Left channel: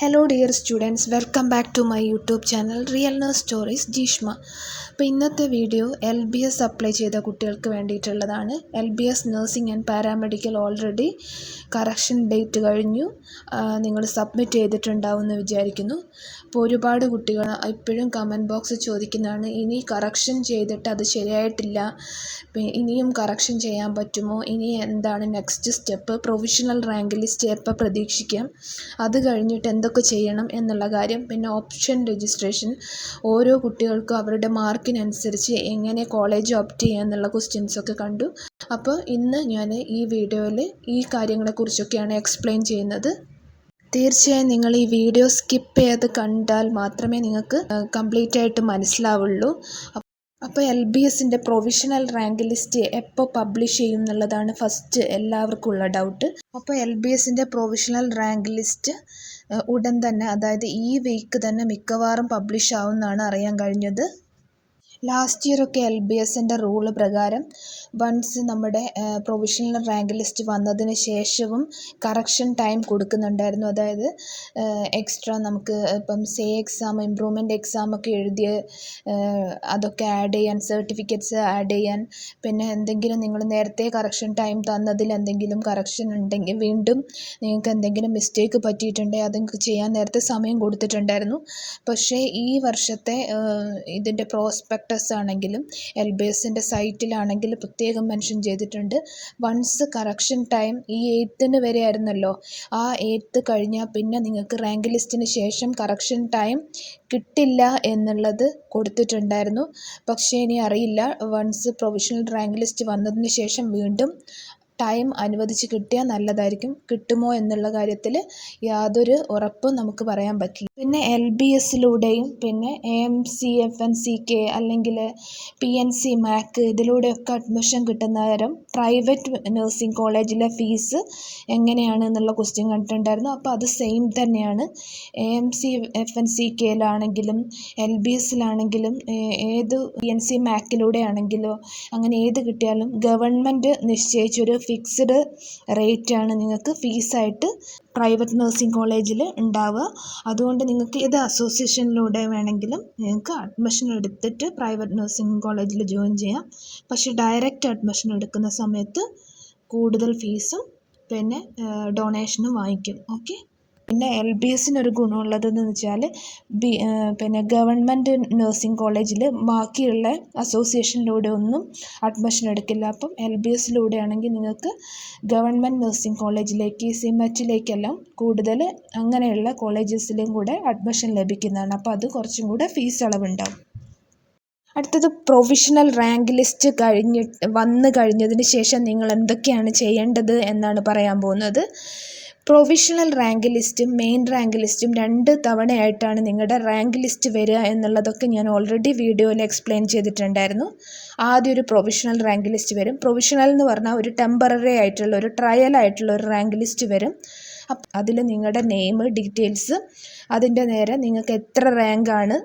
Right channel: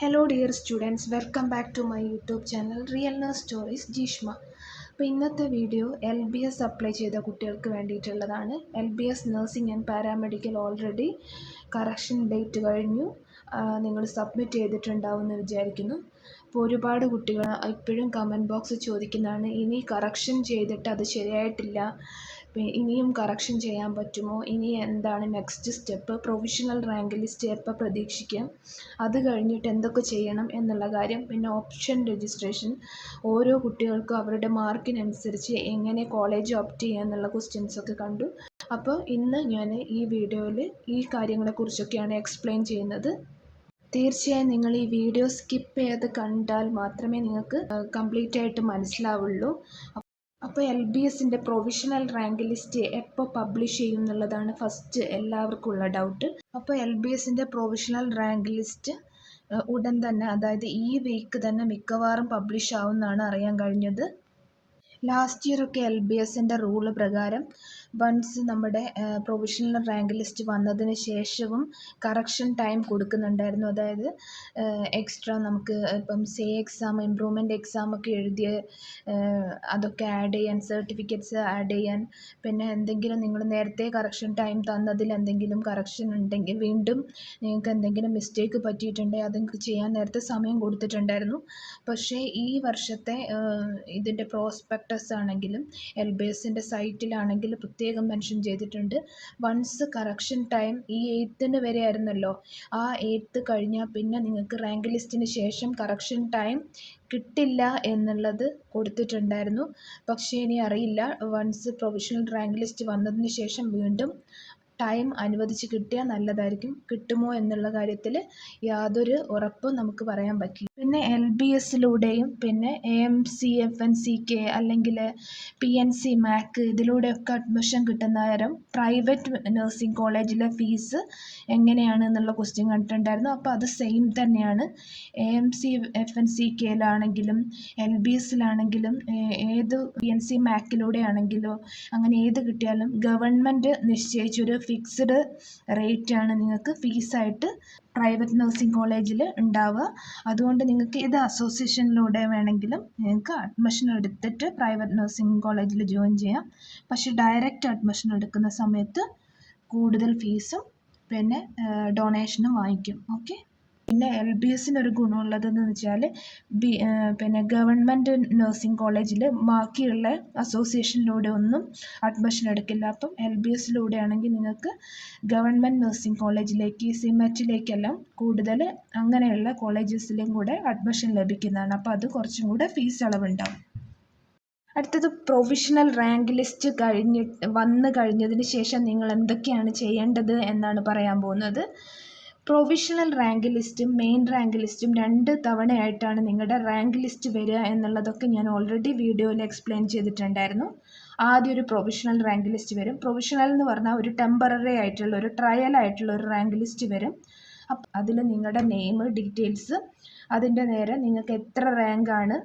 Hello dear students, welcome back to my YouTube channel Real Nurse Stories Jeeshma. അപ്പോൾ ഇന്നത്തെ video LBS apply ചെയ്ത കുട്ടികൾക്ക് വേണ്ടിയിട്ടുള്ളതാണ്. LBS nursing and paramedical already correction date കഴിഞ്ഞു, നിങ്ങൾ submit ചെയ്തിട്ടുണ്ടാവുമെന്ന് വിചാരിക്കുന്നു. അപ്പോൾ ഒരുപാട് കുട്ടികൾ ഇപ്പോഴും കമൻറ്റ് ബോക്സ് ചോദിക്കുന്നതാണ്, ഇനി കറക്ഷൻ ചെയ്തിട്ട് അത് ശരിയായിട്ടില്ല, ഇനിയും കറക്ഷൻ ചെയ്യാൻ പറ്റുമോ, ഇനി എന്താണ് next step, provisional rank list എപ്പോൾ പ്രതീക്ഷിക്കാം, അത് കഴിഞ്ഞിട്ട് എന്തൊക്കെ ചെയ്യണം എന്നുള്ള കാര്യം, പിന്നെ ഓപ്ഷൻ രജിസ്ട്രേഷൻ, ഓരോ കുട്ടികൾക്കും അവരുടെ മാർക്കിനനുസരിച്ച് എങ്ങനെ കോളേജ് ഓപ്റ്റ് ചെയ്യുക എന്നുള്ള ക്വസ്റ്റ്യൻസൊക്കെ കണ്ടു. അപ്പോൾ ഇന്ന് ഞാൻ ഈ വീഡിയോയിൽ ഈ കാര്യങ്ങളെക്കുറിച്ചൊക്കെയാണ് എക്സ്പ്ലെയിൻ ചെയ്യുന്നത്. തീർച്ചയായും നിങ്ങൾ ഈ വീഡിയോ സ്കിപ്പ് ചെയ്ത് കണ്ടാൽ മാത്രമേ നിങ്ങൾക്ക് കംപ്ലീറ്റ് ആയിട്ട് മനസ്സിലാവുള്ളൂ. അപ്പോൾ LBSൻ്റെ പ്രൊവിഷണൽ റാങ്ക് ലിസ്റ്റ് എപ്പോൾ പബ്ലിഷ് ചെയ്യും എന്നുള്ളതാണ് ഫസ്റ്റ് എല്ലാവർക്കും ഉള്ള ഡൗട്ട്. അപ്പോൾ LBSൻ്റെ പ്രൊവിഷണൽ റാങ്ക് ലിസ്റ്റ് ഉടൻ തന്നെ, അതായത് ഈ വീക്ക് തന്നെ മിക്കവാറും പബ്ലിഷ് ആവുമെന്നാണ് അറിയാൻ കഴിഞ്ഞത്. ലാസ്റ്റ് ഇയറൊക്കെ LBSൻ്റെ റൂള് പ്രകാരം വൺസ് നമ്മുടെ പ്രൊവിഷണൽ റാങ്ക് ലിസ്റ്റ് വന്നതിന് ശേഷവും കറക്ഷൻ ടൈം കൊടുക്കുന്നുണ്ടായിരുന്നു. അതായത് എക്സ്ട്രാ നമുക്ക് ഇപ്പം എക്സാം, ഇമ്പ്രൂവ്മെൻ്റ് എക്സാമൊക്കെ എഴുതിയ അതൊക്കെ ആഡ് ചെയ്യാൻ, സർട്ടിഫിക്കറ്റ്സ് ആഡ് ചെയ്യാൻ, പിന്നെ എന്തെങ്കിലും നിങ്ങൾ നേരത്തെ കറക്ഷൻ ടൈം തന്നതിൽ എന്തെങ്കിലും കറക്ഷൻ ഉണ്ടെങ്കിൽ, വീണ്ടും നിങ്ങൾക്ക് എന്തെങ്കിലും മിസ്റ്റേക്ക് പറ്റിയിട്ടുണ്ടെങ്കിൽ അതൊക്കെ ചെയ്യാൻ നേരത്തെ സമയം കൊടുത്തിട്ടുണ്ടായിരുന്നു. പക്ഷേ ഈ വർഷത്തെ ഇതിൻ്റെ പ്രോസ്പെക്ടസ് ആണെങ്കിലും LBSൻ്റെ സൈറ്റിലാണെങ്കിൽ പ്രത്യേകം മെൻഷൻ ചെയ്തിട്ടുണ്ട്, വൺസ് കറക്ഷൻ ടൈം ഈ 8th വരെ ആയിരുന്നല്ലോ, ആ 8th കഴിഞ്ഞാൽ പിന്നെ നിങ്ങൾക്ക് റാങ്ക് ലിസ്റ്റിന് ശേഷം കറക്ഷൻ ടൈം കിട്ടില്ല എന്നുള്ളത് കൊടുത്തിട്ടുണ്ടായിരുന്നു. പക്ഷേ ഇനി അറിയില്ല, വൺസ് പ്രൊവിഷണൽ റാങ്ക് ലിസ്റ്റ് വന്നതിന് ശേഷം വീണ്ടും ടൈം അനുവദിച്ച് കിട്ടിയാൽ നല്ലതായിരിക്കും. കിട്ടുമോ എന്നുള്ള കാര്യത്തിൽ യാതൊരു ഉറപ്പും നമുക്ക് പറയാൻ പറ്റില്ല. പിന്നെ LBSലൂടെയും പിന്നെ AMCFNCK അല്ലെങ്കിൽ PNC MAC ഇതിലൂടെയൊക്കെ അഡ്മിഷൻ കിട്ടുന്ന നേരം പ്രൈവറ്റ് നഴ്സിംഗ് കോളേജിലെ ഫീസ് എങ്ങനെയാണ് എന്നുള്ള ക്വസ്റ്റ്യൻ കണ്ടിട്ടുണ്ടായിരുന്നു. അപ്പോൾ അത് സെയിം തന്നെയാണ്. AMCFNCKയിലാണെങ്കിലും LBSലാണെങ്കിലും ഏത് PNC MACലൂടെ ആണെങ്കിലോ അങ്ങനെ ഏത് കിട്ടിയാലും ഗവൺമെൻറ് നിശ്ചയിച്ചൊരു ഫിക്സ്ഡ് റേറ്റാണ് നിങ്ങൾക്ക് ഫീസായിട്ട് പ്രൈവറ്റ് നഴ്സിംഗ് കോളേജിൽ ഉണ്ടാവുക. അതുകൊണ്ട് നിങ്ങൾക്ക് ഏത് അസോസിയേഷനിലൂടെ വേണമെങ്കിലും നിങ്ങൾക്ക് അഡ്മിഷൻ എടുത്തിട്ട് പ്രൈവറ്റ് നഴ്സിംഗ് കോളേജിൽ ജോയിൻ ചെയ്യാം. പക്ഷേ ഡയറക്റ്റ് അഡ്മിഷൻ എടുക്കുന്ന സമയത്ത് കൂടുതൽ ഫീസും പിന്നെ ഡൊണേഷനും വാങ്ങിക്കും. ഓക്കെ. പിന്നെ LBSനൊരു ഗുണമുള്ളതെന്ന് വെച്ചാൽ പിന്നെ ഗവൺമെൻറ് നഴ്സിംഗ് കോളേജിൽ ബാക്കിയുള്ള അസോസിയേഷനിലൂടെ ഒന്നും അഡ്മിഷൻ എടുക്കില്ല. അപ്പം LBSലൂടെ ആണെങ്കിൽ നിങ്ങൾക്ക് ഗവൺമെൻറ് നഴ്സിംഗ് കോളേജിലേക്ക്, സിമറ്റിലേക്കെല്ലാം കൂടുതൽ അങ്ങനെയുള്ള കോളേജസിലും കൂടെ അഡ്മിഷൻ ലഭിക്കുന്നതാണ്. അപ്പോൾ അത് കുറച്ചും കൂടെ ഫീസ് ഇളവുണ്ടാവും. അടുത്തത് പ്രൊവിഷണൽ റാങ്ക് ലിസ്റ്റ് വന്നു കഴിഞ്ഞതിന് ശേഷം നിങ്ങൾ എന്തൊക്കെയാണ് ചെയ്യേണ്ടത് എന്നാണ് പറയാൻ പോകുന്നത്. പ്രൊവിഷണൽ റാങ്ക് ലിസ്റ്റും മെയിൻ റാങ്ക് ലിസ്റ്റും 2 തവണയായിട്ടാണ് നിങ്ങളുടെ റാങ്ക് ലിസ്റ്റ് വരിക എന്നുള്ളതൊക്കെ ഞാൻ ഓൾറെഡി വീഡിയോയിൽ എക്സ്പ്ലെയിൻ ചെയ്തിട്ടുണ്ടായിരുന്നു. ആദ്യം ഒരു പ്രൊവിഷണൽ റാങ്ക് ലിസ്റ്റ് വരും. പ്രൊവിഷണൽ എന്ന് പറഞ്ഞാൽ ഒരു ടെമ്പററി ആയിട്ടുള്ള, ഒരു ട്രയൽ ആയിട്ടുള്ള ഒരു റാങ്ക് ലിസ്റ്റ് വരും. അതിൽ നിങ്ങളുടെ നെയിം, ഡീറ്റെയിൽസ്, അതിൻ്റെ നേരെ നിങ്ങൾക്ക് എത്ര റാങ്കാണ്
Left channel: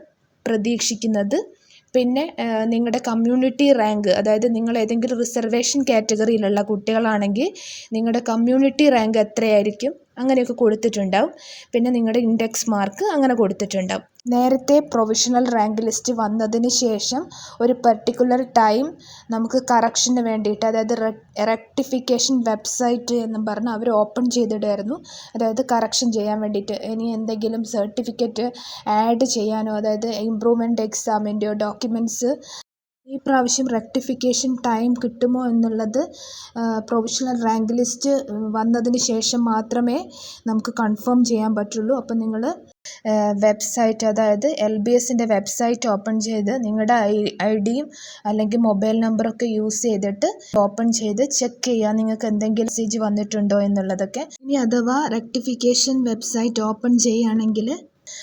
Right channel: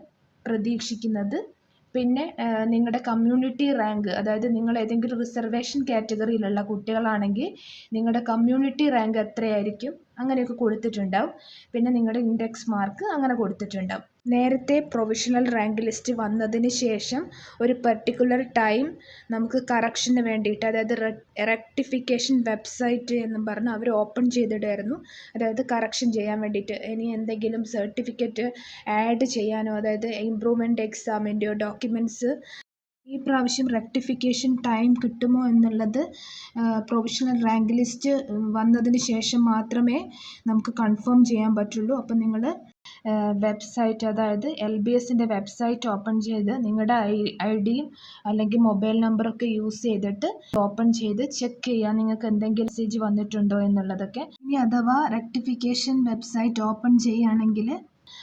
പ്രതീക്ഷിക്കുന്നത്, പിന്നെ നിങ്ങളുടെ കമ്മ്യൂണിറ്റി റാങ്ക്, അതായത് നിങ്ങൾ ഏതെങ്കിലും റിസർവേഷൻ കാറ്റഗറിയിലുള്ള കുട്ടികളാണെങ്കിൽ നിങ്ങളുടെ കമ്മ്യൂണിറ്റി റാങ്ക് എത്രയായിരിക്കും അങ്ങനെയൊക്കെ കൊടുത്തിട്ടുണ്ടാവും. പിന്നെ നിങ്ങളുടെ ഇൻഡെക്സ് മാർക്ക് അങ്ങനെ കൊടുത്തിട്ടുണ്ടാവും. നേരത്തെ പ്രൊവിഷണൽ റാങ്ക് ലിസ്റ്റ് വന്നതിന് ശേഷം ഒരു പർട്ടിക്കുലർ ടൈം നമുക്ക് കറക്ഷന് വേണ്ടിയിട്ട്, അതായത് റെക്ടിഫിക്കേഷൻ വെബ്സൈറ്റ് എന്നും പറഞ്ഞ് അവർ ഓപ്പൺ ചെയ്തിടുമായിരുന്നു. അതായത് കറക്ഷൻ ചെയ്യാൻ വേണ്ടിയിട്ട് ഇനി എന്തെങ്കിലും സർട്ടിഫിക്കറ്റ് ആഡ് ചെയ്യാനോ, അതായത് ഇമ്പ്രൂവ്മെൻ്റ് എക്സാമിൻ്റെയോ ഡോക്യുമെൻറ്റ്സ് ഈ പ്രാവശ്യം റെക്ടിഫിക്കേഷൻ ടൈം കിട്ടുമോ എന്നുള്ളത് പ്രൊവിഷണൽ റാങ്ക് ലിസ്റ്റ് വന്നതിന് ശേഷം മാത്രമേ നമുക്ക് കൺഫേം ചെയ്യാൻ പറ്റുള്ളൂ. അപ്പോൾ നിങ്ങൾ വെബ്സൈറ്റ്, അതായത് LBSൻ്റെ വെബ്സൈറ്റ് ഓപ്പൺ ചെയ്ത് നിങ്ങളുടെ ഐഡിയും അല്ലെങ്കിൽ മൊബൈൽ നമ്പറൊക്കെ യൂസ് ചെയ്തിട്ട് ഓപ്പൺ ചെയ്ത് ചെക്ക് ചെയ്യുക നിങ്ങൾക്ക് എന്തെങ്കിലും മെസ്സേജ് വന്നിട്ടുണ്ടോ എന്നുള്ളതൊക്കെ. ഇനി അഥവാ റെക്ടിഫിക്കേഷൻ വെബ്സൈറ്റ് ഓപ്പൺ ചെയ്യുകയാണെങ്കിൽ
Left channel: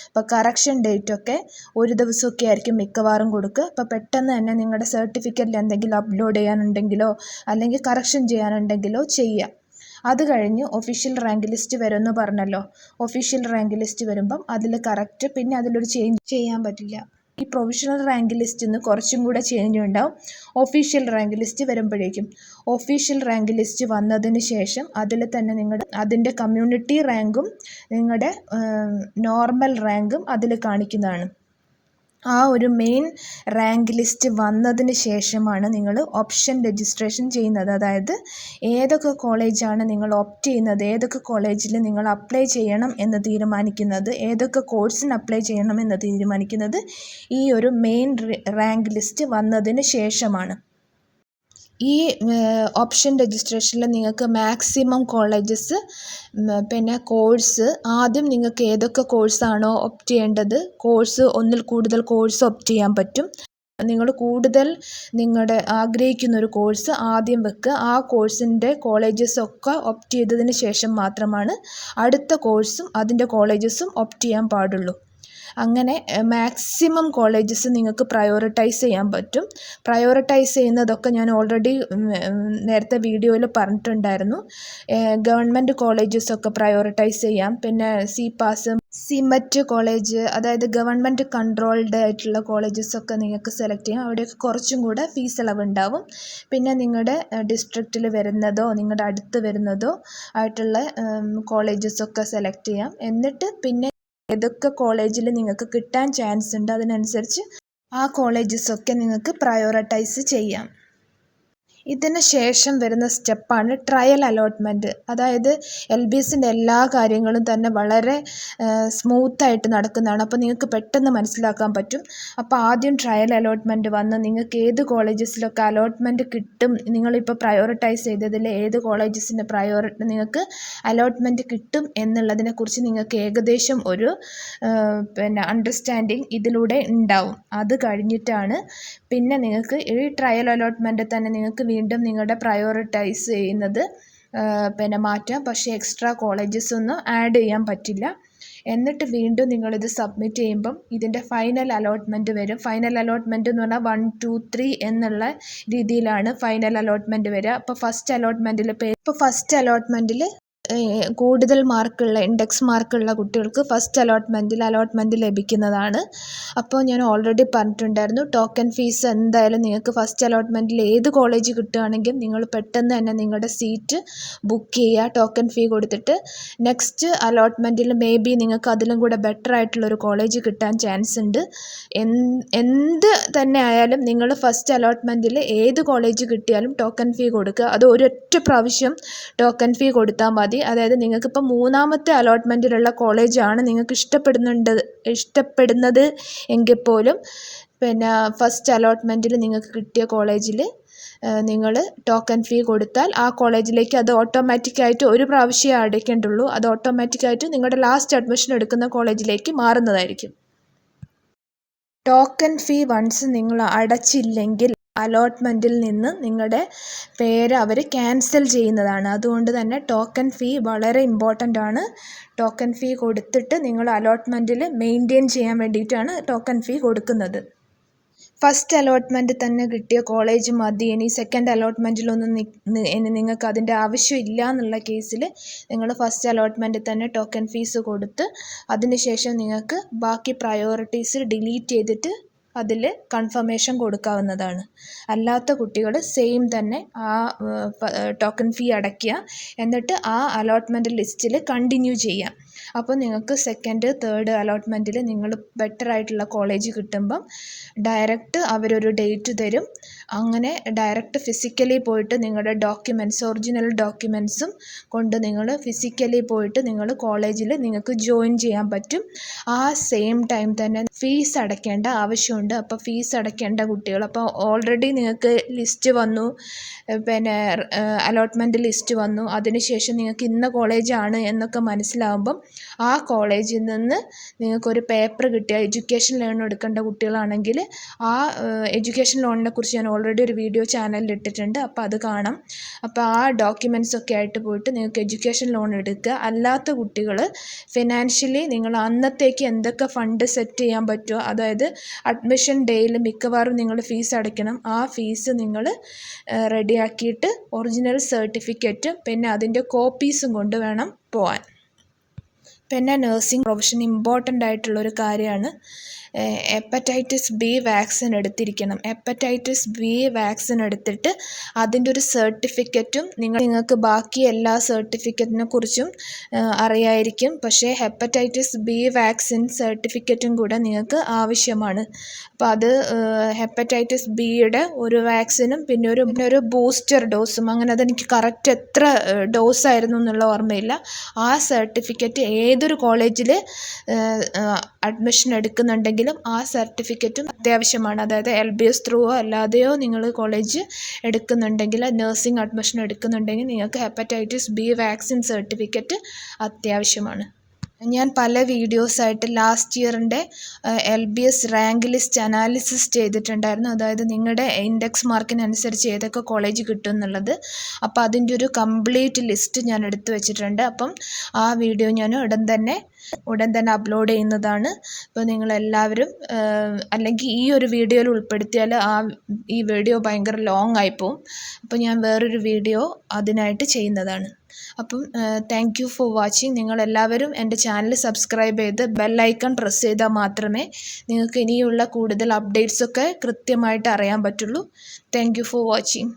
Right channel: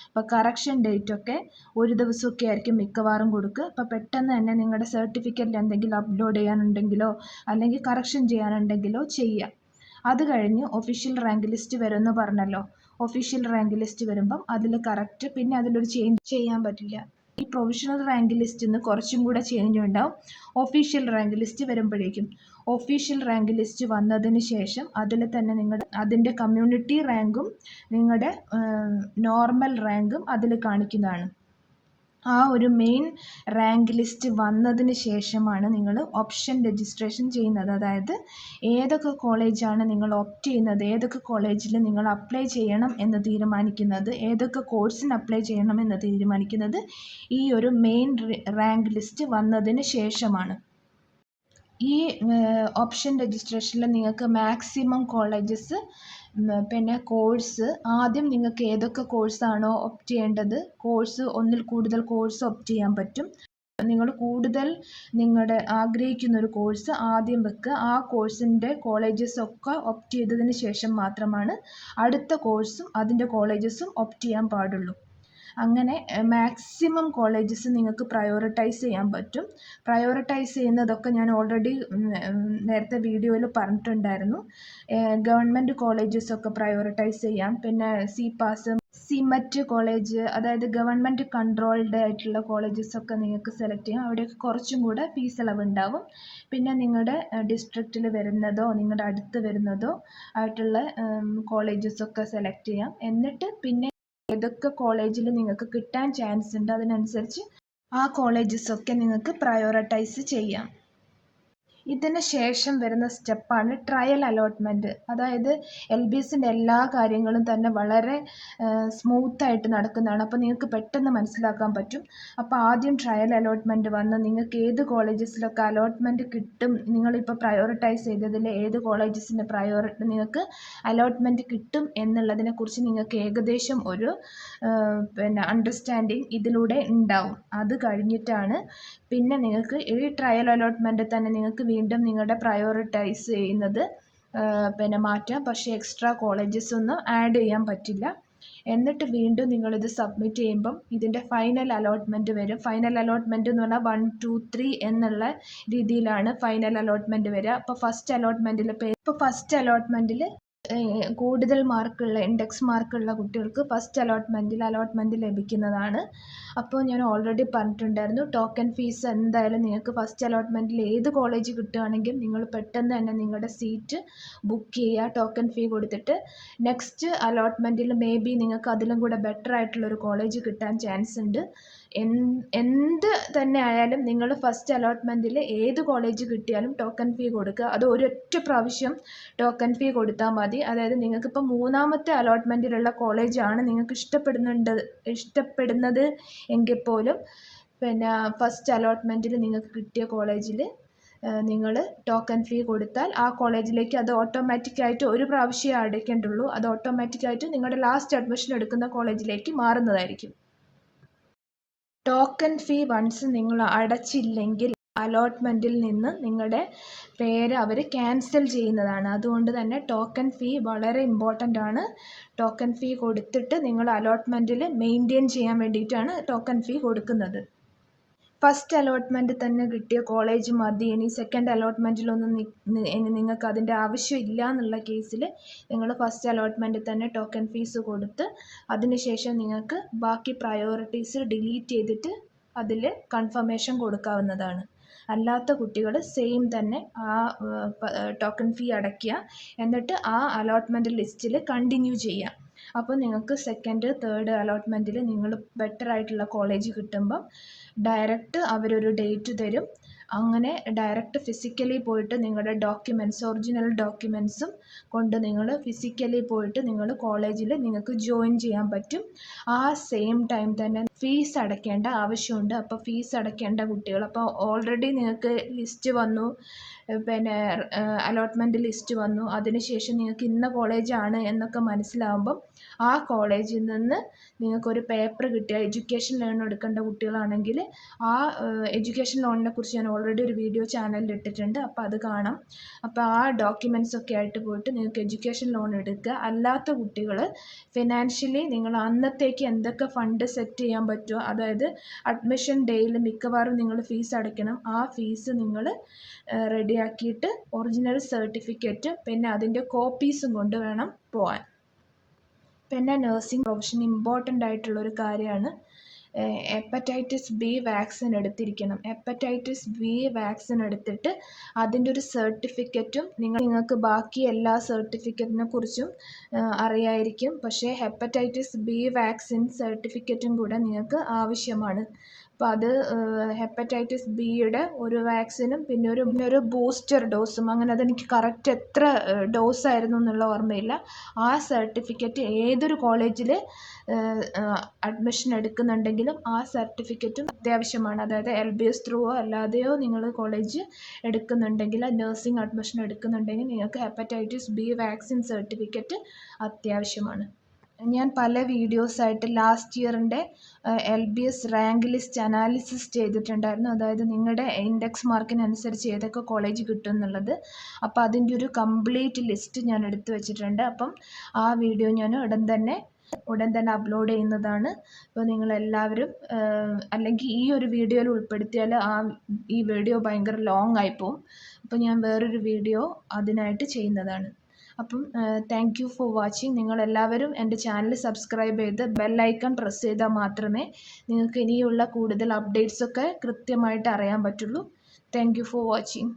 അപ്പോൾ കറക്ഷൻ ഡേറ്റൊക്കെ ഒരു ദിവസമൊക്കെ ആയിരിക്കും മിക്കവാറും കൊടുക്കുക. അപ്പോൾ പെട്ടെന്ന് തന്നെ നിങ്ങളുടെ സർട്ടിഫിക്കറ്റിൽ എന്തെങ്കിലും അപ്ലോഡ് ചെയ്യാനുണ്ടെങ്കിലോ അല്ലെങ്കിൽ കറക്ഷൻ ചെയ്യാനുണ്ടെങ്കിലോ ചെയ്യാം. അത് കഴിഞ്ഞ് ഒഫീഷ്യൽ റാങ്ക് ലിസ്റ്റ് വരുമെന്ന് പറഞ്ഞല്ലോ. ഒഫീഷ്യൽ റാങ്ക് ലിസ്റ്റ് വരുമ്പം അതിൽ കറക്റ്റ്, പിന്നെ അതിലൊരു ചേഞ്ച് ചെയ്യാൻ പറ്റില്ല. ഈ പ്രൊവിഷണൽ റാങ്ക് ലിസ്റ്റിൽ നിന്ന് കുറച്ചും കൂടെ ചേഞ്ച് ഉണ്ടാവും ഒഫീഷ്യൽ റാങ്ക് ലിസ്റ്റ് വരുമ്പോഴേക്കും. ഒഫീഷ്യൽ റാങ്ക് ലിസ്റ്റ് വന്നതിന് ശേഷം അതിൽ തന്നെ അതിൻ്റെ കമ്മ്യൂണിറ്റി റാങ്കും നിങ്ങളുടെ നോർമൽ റാങ്കും അതിൽ കാണിക്കുന്നതാണ്. ആ ഒരു മെയിൻ റാങ്ക് ലിസ്റ്റ് വന്നതിന് ശേഷമാണ് നിങ്ങൾ ഓപ്ഷൻ രജിസ്ട്രേഷൻ ചെയ്യുന്നത്. അതായത് ഏതൊക്കെ കോളേജാണ് നിങ്ങൾ ഓപ്റ്റ് ചെയ്യുന്നത്, ഏതൊക്കെ കോളേജിൽ നിങ്ങൾ അപ്ലൈ ചെയ്യണം എന്ന് തീരുമാനിക്കുന്നത്, ഏതൊക്കെ കോഴ്സിന് അപ്ലൈ ചെയ്യണം എന്ന് തീരുമാനിക്കുന്നത് ഈ ഒരു മെയിൻ റാങ്ക് ലിസ്റ്റ് വന്നതിന് ശേഷമാണ്. ഈ ഓപ്ഷൻ രജിസ്ട്രേഷനിൽ നിങ്ങൾക്ക് മാക്സിമം കോളേജസ് പിന്നെ കോഴ്സ് ആദ്യം നിങ്ങൾക്ക് ഏതൊക്കെ കോഴ്സാണോ ഓപ്റ്റ് ചെയ്യേണ്ടത്, ഒന്നിൽ കൂടുതൽ കോഴ്സ് ഓപ്റ്റ് ചെയ്യാൻ പറ്റും. നിങ്ങൾ കൂടുതൽ ആഗ്രഹിക്കുന്ന ഒരു കോഴ്സ് ആദ്യം വെക്കുക. ആ കോഴ്സിൻ്റെ കോളേജസൊക്കെ ഓപ്റ്റ് ചെയ്തതിന് ശേഷം മാത്രമാണ് അടുത്ത കോഴ്സും അതിൻ്റെ കോളേജസും ഓപ്റ്റ് ചെയ്യാൻ പാടുള്ളൂ. അങ്ങനെ മാക്സിമം കോളേജസ് നിങ്ങൾക്ക് പ്രയോറിറ്റൈസ് ചെയ്യാൻ പറ്റും. പ്രയോറിറ്റൈസ് ചെയ്യുന്നതൊക്കെ ഞാൻ ഓൾറെഡി നേരത്തെ വീഡിയോയിൽ പറഞ്ഞിട്ടുണ്ടായിരുന്നു. ഗവൺമെൻറ് കോളേജസൊക്കെ പ്രയോറിറ്റൈസ് ചെയ്യാം. പിന്നെ CPAS, CMET കോളേജ്, അതായത് ഗവൺമെൻറ് കൺട്രോൾഡ് ആയിട്ടുള്ള കോളേജസൊക്കെ നിങ്ങൾക്ക് സെലക്ട് ചെയ്യാം. അവിടെയൊക്കെ കുറച്ചും കൂടെ ഫീസ് ഇളവുണ്ടാവും. പിന്നെ നിങ്ങളുടെ ഡിസ്ട്രിക്റ്റിൽ വരുന്നതോ നിങ്ങളുടെ അടുത്ത് വരുന്നതോ ആയിട്ടുള്ള കോളേജസൊക്കെ സെലക്ട് ചെയ്യാം. എന്നിട്ട് പിന്നെ ഏതൊക്കെ കോളേജിൽ നിങ്ങൾക്ക് കിട്ടാൻ ചാൻസ് ഉണ്ട് അതിനനുസരിച്ച് ആ കോളേജസൊക്കെ നിങ്ങൾക്ക് പ്രയോറിറ്റൈസ് ചെയ്യാം. ഇതിന് ശേഷം വരുന്ന സ്റ്റെപ്പാണ് ട്രയൽ അലോട്ട്മെൻറ്റ്. അതായത് LBSൻ്റെ എല്ലാ കാര്യങ്ങളും തന്നെ വളരെ സ്മൂത്തായിട്ട് നടക്കുന്നതാണ്. അപ്പോൾ നിങ്ങൾക്ക് പെട്ടെന്ന് മനസ്സിലാക്കാൻ പറ്റും. അപ്പോൾ ആദ്യം ട്രയൽ അലോട്ട്മെൻറ്റ് വന്ന് നിങ്ങൾക്ക് ഏത് കോളേജസിലൊക്കെ അലോട്ട്മെൻറ്റ് കിട്ടും, നിങ്ങളിപ്പോൾ പ്രയോറിറ്റൈസ് ചെയ്തതിൽ ഏത് കോളേജസിൻ്റെ നിങ്ങൾക്ക് അലോട്ട്മെൻറ്റ് കിട്ടും എന്നുള്ളതിനെക്കുറിച്ച് നിങ്ങൾക്ക് ഏകദേശം ഒരു അണ്ടർസ്റ്റാൻഡിങ് ഇതിലൂടെ ഉണ്ടാവും. അത് കഴിഞ്ഞിട്ടാണ് പിന്നെ നിങ്ങൾക്ക് ഈ ട്രയൽ അലോട്ട്മെൻറ്റ് തന്നെ നിങ്ങൾക്ക് വീണ്ടും നിങ്ങളുടെ പ്രയോറിറ്റൈസ് ചെയ്യുന്നത് മാറ്റാം. പക്ഷേ എക്സ്ട്രാ കോളേജസ് ഒന്നും ആഡ് ചെയ്യാൻ പറ്റില്ല. എന്നിട്ട് വീണ്ടും നിങ്ങളിത് സബ്മിറ്റ് ചെയ്യുമ്പം ഇതിൻ്റെ ഫൈനൽ അലോട്ട്മെൻറ്റ് വരും. ഫൈനൽ അലോട്ട്മെൻറ്റ് എന്ന് പറഞ്ഞാൽ 1, 2, 3 എന്നുള്ള രീതിയിലാണ് ഫൈനൽ അലോട്ട്മെൻറ്റ് വരിക. അപ്പോൾ ഫസ്റ്റ് അലോട്ട്മെൻറ്റിൽ കൂടുതൽ മാർക്കുള്ള ഇൻഡെക്സ് മാർക്കുള്ള കുട്ടികൾക്ക് ഫസ്റ്റ് അലോട്ട്മെൻറ്റ് ലഭിക്കുന്നതാണ്. അപ്പോൾ ഞാൻ ഓൾറെഡി പറഞ്ഞിട്ടുണ്ടായിരുന്നു, ടോക്കൺ ഫീസ് എന്തായാലും നിങ്ങൾക്ക് ഫസ്റ്റ് അലോട്ട്മെൻറ്റിൽ ഏത് കോളേജ് കിട്ടുകയാണെങ്കിൽ നിങ്ങൾ പെട്ടെന്ന് തന്നെ നിങ്ങളുടെ സീറ്റ് ബുക്ക് ചെയ്യുക ടോക്കൺ ഫീ കൊടുത്തിട്ട്. നെക്സ്റ്റ് അലോട്ട്മെൻറ്റിൽ നിങ്ങൾക്ക് അതിലും കൂടെ ബെറ്റർ ആയിട്ടുള്ളൊരു കോളേജ് കിട്ടാൻ ചാൻസ് ഉണ്ട്. എന്ത് തന്നെ ആയാലും നിങ്ങൾ ഫസ്റ്റ് അലോട്ട്മെൻറ്റിൽ ഏത് കോളേജ് കിട്ടിയാലും ടോക്കൺ ഫീ കൊടുക്കുക. അത് ഒരൊറ്റ പ്രാവശ്യം ടോക്കൺ ഫീ കൊടുത്താൽ മതി. അതായത് നിങ്ങൾക്കിപ്പോൾ മൂന്നാമത്തെ അലോട്ട്മെൻറ്റിലുള്ള കോളേജാണ് നിങ്ങൾക്ക് ഇഷ്ടപ്പെടുന്നത് എങ്കിൽ പോലും ഫസ്റ്റ് അലോട്ട്മെൻറ്റിൽ നിങ്ങൾക്ക് കിട്ടിയ കോളേജിൽ നിങ്ങൾ ടോക്കൺ ഫീ കൊടുത്താൽ ആ കോളേജിലേക്ക് അത് ഓട്ടോമാറ്റിക്കായിട്ട് ഒരു പ്രാവശ്യമേ അടയ്ക്കേണ്ടുള്ളൂ. അത് ഓട്ടോമാറ്റിക്കായിട്ട് നിങ്ങളുടെ ലാസ്റ്റ് അഡ്മിഷൻ എടുക്കുന്ന കോളേജിലേക്ക് മാറുന്നതായിരിക്കും. ടോക്കൺ ഫീ വൺസ് നിങ്ങൾ അടച്ചില്ലെങ്കിൽ അലോട്ട്മെൻറ്റിൽ നിന്ന് നിങ്ങളുടെ പേര് അവർ ക്യാൻസൽ ചെയ്യുന്നതാണ്. അതുകൊണ്ട് തന്നെ ടോക്കൺ ഫീ വളരെ ഇമ്പോർട്ടൻ്റ് ആണ്. ടോക്കൺ ഫീ കൊടുത്തിട്ട് നിങ്ങൾ അലോട്ട്മെൻറ്റിൽ മെയിൻറ്റെയിൻ ചെയ്യാൻ വേണ്ടിയിട്ടാണ് ടോക്കൺ ഫീ കൊടുക്കുന്നത്. ഫസ്റ്റ് അലോട്ട്മെൻറ്റ് തന്നെ കിട്ടിയ കോളേജ് മതി, ഇനി സെക്കൻഡ് അലോട്ട്മെൻറ്റിലൊന്നും നിങ്ങൾക്ക് അതിൻ്റെ ആവശ്യമില്ല എന്നുള്ള കേസിൽ നിങ്ങൾ ഫസ്റ്റ് അലോട്ട്മെൻറ്റ് തന്നെ ടോക്കൺ ഫീസ് കൊടുത്ത് അതിനുശേഷം നിങ്ങൾക്ക് ബാക്കി പ്രയോറിറ്റീസ് ഡിലീറ്റ് ചെയ്തിട്ട് അതിൽ കൺഫർമേഷൻ കൊടുക്കാവുന്നതാണ്. അല്ലാത്ത കുട്ടികൾ സെയിം തന്നെ ആ ടോക്കൺ ഫീ അടയ്ക്കുക, എന്നിട്ട് ആ അലോട്ട്മെൻറ്റ് ലിസ്റ്റിൽ കണ്ടിന്യൂ ചെയ്യുക. അപ്പോൾ നിങ്ങൾക്ക് സെക്കൻഡ്, തേർഡ് അലോട്ട്മെൻറ്റിൽ നിങ്ങൾ ബെറ്റർ ആയിട്ടുള്ള കോളേജ് കിട്ടുമ്പം ഡയറക്റ്റ് അവരൊരു ഡേറ്റ് തരും. അങ്ങനെ ഡയറക്റ്റ് ഫിസിക്കലി പോയിട്ട് നിങ്ങളുടെ ഒറിജിനൽ ഡോക്യുമെൻറ്റ്സും കൊണ്ട് നിങ്ങൾ ഫിസിക്കലി പോയിട്ട് നിങ്ങൾ കോളേജിൽ നിങ്ങൾക്ക് ജോയിൻ ചെയ്യാൻ പറ്റും. ആ സെയിം ടൈം തന്നെ ഫീസ് അടയ്ക്കേണ്ട ആവശ്യമുണ്ട്. അപ്പോൾ ഫീസ് അടയ്ക്കേണ്ട കുട്ടികൾ, അപ്പോൾ ഓൾറെഡി നിങ്ങൾക്ക് ലിസ്റ്റ് വന്നു, അലോട്ട്മെൻറ്റ് ലിസ്റ്റ് വന്നു, അതിനുശേഷം നിങ്ങൾക്ക് ഇന്ന കോളേജാണ് എന്നൊക്കെ മനസ്സിലാകുമ്പം ആ കോളേജിൽ നിന്ന് നിങ്ങൾക്കൊരു പേപ്പർ കിട്ടിയ എഡ്യൂക്കേഷൻ ലോൺ എടുക്കേണ്ട കുട്ടികളാണെങ്കിൽ ആ എഡ്യൂക്കേഷൻ ലോണിനെ കുറിച്ച് ഞാൻ ഓൾറെഡി ഒരു വീഡിയോ ചാനലിൽ ഇട്ടിട്ടുണ്ട്. അപ്പോൾ അത് കാണാം. അപ്പോൾ ആ ഡോക്യുമെൻറ്റ്സ് ഒക്കെ ആയിട്ട് പോയിട്ട് നിങ്ങൾക്ക് എഡ്യൂക്കേഷൻ ലോൺ എടുക്കുക. അല്ലാത്ത കുട്ടികൾ ഫിനാൻഷ്യലി നിങ്ങൾ അന്നത്തേക്ക് എന്തൊക്കെ ഫണ്ട് സെറ്റ് ചെയ്യാൻ പറ്റുമോ, അതായത് അഡ്മിഷൻ ഡേയിൽ മിക്കവാറും നിങ്ങൾ ഫീസ് അടയ്ക്കണം. ആ ഫീസ് നിങ്ങൾ റെഡിയാക്കിയിട്ട് ഒറിജിനൽ സർട്ടിഫിക്കറ്റ് പിന്നെ അതിൻ്റെ കോപ്പീസും കൊണ്ട് വേണം പോകാൻ. പിന്നെ നഴ്സിംഗ് പ്രൊഫഷൻ ഇമ്പോർട്ടൻ്റ് ആയിട്ടുള്ളൊരു കാര്യമാണ്. ഹെപ്പറ്റൈറ്റിസ് ബി വാക്സിൻ എടുത്തിരിക്കണം. ഹെപ്പറ്റൈറ്റിസ് ബി വാക്സിൻ എടുത്തിട്ട് അതിൻ്റെ ഒരു സർട്ടിഫിക്കറ്റും നിങ്ങൾക്ക് ബാക്കി എല്ലാ സർട്ടിഫിക്കറ്റിനെ കുറിച്ചും അറിയായിരിക്കും. പക്ഷേ ഹെപ്പറ്റൈറ്റിസ് ബി വാക്സിൻ സർട്ടിഫിക്കറ്റും കൂടെ നിങ്ങൾക്ക് ആവശ്യമാണ്. അപ്പോൾ അത് ഹെപ്പറ്റൈറ്റിസ് ബിയുടെ ഒരു വാക്സിനും പിന്നെ ഒരു ബൂസ്റ്റർ ഡോസും, അങ്ങനെ അതെനിക്ക് കറക്റ്റ് എത്ര ഡോസായിരുന്നു എന്നുള്ള ഓർമ്മയില്ല. ആ സർട്ടിഫിക്കറ്റ് ഏതൊരു കോളേജിൽ അഡ്മിഷൻ എടുക്കുന്നുണ്ടെങ്കിലും ആ സർട്ടിഫിക്കറ്റും അത്യാവശ്യമാണ്. അതായത് LBS ത്രൂവോ അല്ലാതെയോ നിങ്ങൾ കോളേജ് എടുക്കുന്നുണ്ടെങ്കിൽ, നഴ്സിംഗ് അഡ്മിഷൻ എടുക്കുന്നുണ്ടെങ്കിൽ നിങ്ങൾക്ക് ഹെപ്പറ്റൈറ്റിസ് ബി വാക്സിൻ സർട്ടിഫിക്കറ്റ് അത്യാവശ്യമാണ്. ഞാൻ പല വീഡിയോസായിട്ട് ലാസ്റ്റ് ഇയറിൻ്റെ LBS റാങ്ക് ലിസ്റ്റ് അനാലിസിസ് ചെയ്തിട്ടുണ്ടായിരുന്നു. അതായത് നിങ്ങളുടെ ഇൻഡെക്സ് മാർക്കിനനുസരിച്ച് ഏതൊക്കെ കോളേജ് കിട്ടും എന്നുള്ളത്. അപ്പോൾ അതിൻ്റെ ഒരു കംപ്ലീറ്റ് ലിസ്റ്റ് ഞാൻ എടുത്തു വെച്ചിട്ടുണ്ട്. അപ്പം ആ വീഡിയോ ഞാൻ ഉടൻ തന്നെ അപ്ലോഡ് ചെയ്യുന്നതാണ്. അപ്പോൾ നിങ്ങളെല്ലാവരും അല്ലെങ്കിൽ ഈ ഒരു വീഡിയോയിൽ ഉൾപ്പെടുത്തിയാൽ ഈ വീഡിയോ ഭയങ്കര ലോങ് ആയിപ്പോവും. അപ്പോൾ ഞാൻ വേറൊരു വീഡിയോ അതിനായിട്ട് ചെയ്യുന്നതാണ്. അപ്പം താങ്ക് യു ഫോർ വാച്ചിങ്. നിങ്ങളെല്ലാവരും എൻ്റെ ചാനൽ സബ്സ്ക്രൈബ് ചെയ്ത് ബെല്ലൈക്കൺ പ്രസ് ചെയ്താൽ മാത്രമേ നിങ്ങൾക്ക് ഇനിയുള്ള കൂടുതൽ അപ്ഡേറ്റ്സൊക്കെ കൃത്യമായിട്ട് അറിയാൻ പറ്റുള്ളൂ. Thank you for watching.